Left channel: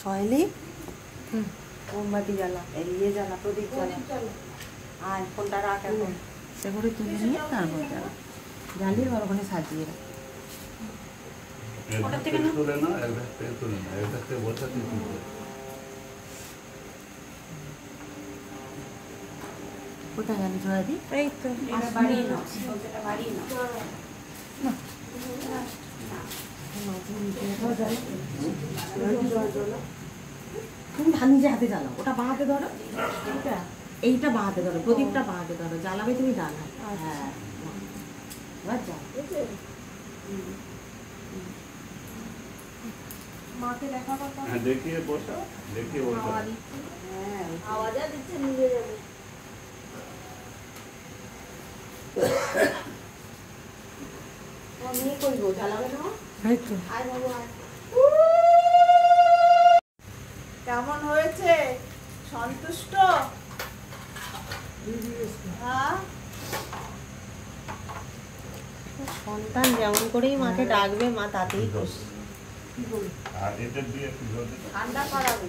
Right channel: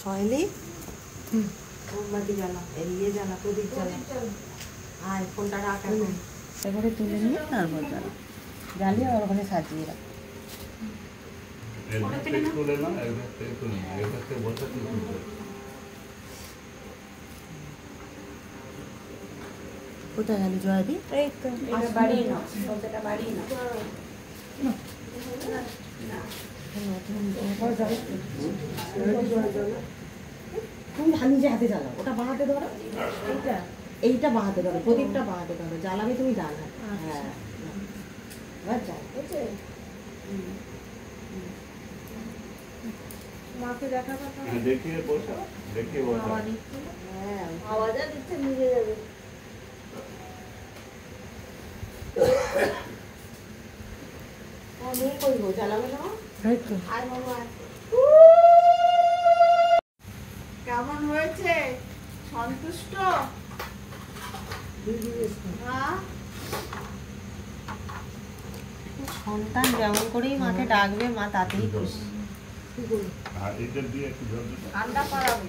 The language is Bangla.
সহেলি মোমবাতি জ্বালা, এগিয়ে জ্বালা, প্রদীপ জ্বালা। আয় ফোনটা রাখ, সে করে তুলে নিয়ে তারপর জ্বালা, জ্বালিয়ে আর ওখানে সাজিয়ে রাখ। কোথায় গেল জয়দি? এই তো বাড়িয়ে নাও, সবটা বাড়িয়ে নাও। তুমি নিজে হাতে জ্বালাও, ওটা বাঁ হাতে ধরো, এইটা বাঁ হাতে ধরো, প্রদীপটা বাঁ হাতে ধরো, জ্বালাবে তুমি ডান হাতে। হ্যাঁ এবার জ্বাল। মাকে দেখাবো, দেখিয়ে বসা, দেখিয়ে বসা। হ্যাঁ আওয়াজ দিচ্ছে, নিয়ে যাবে। কেমন হয়েছে? সন্তুষ্ট? সন্তান যেমন করেই মাকে ডাকবে মা তাতেই খুশি। ঠান্ডা করাবে।